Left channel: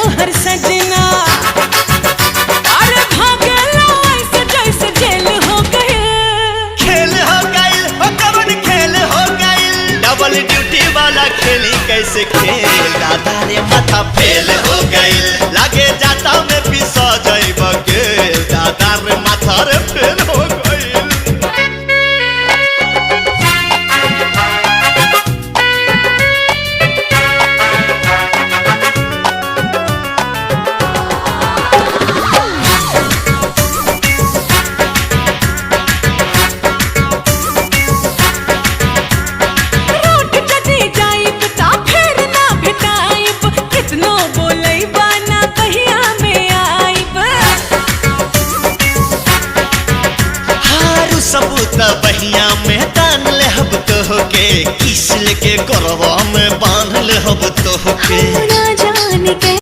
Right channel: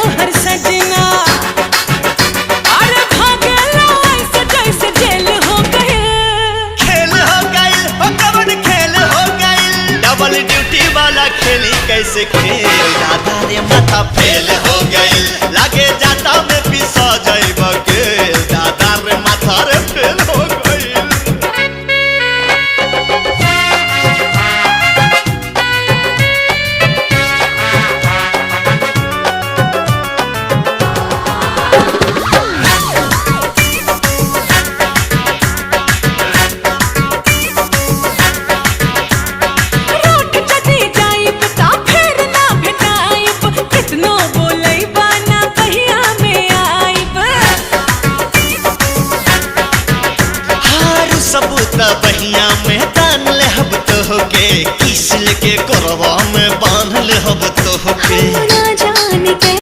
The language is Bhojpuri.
तोहर सजना। अरे भागेला ऐसे जैसे जेल हो गए। खेल हो गइल हो कवन खेल हो गइल, डबल ड्यूटी वाला खेली कैसे खेल, दादा रे माथा फेल हो गइल, लागे जाता में पिसा जाइब गेल, दादा रे माथा रे फेल हो गइल। कितनो बोलई बाना बहिया में आइब। हारू सबूत बहिया में तान ले हब तो होके, किस लेके करवा में बांध ले हब तो होके। ना जान के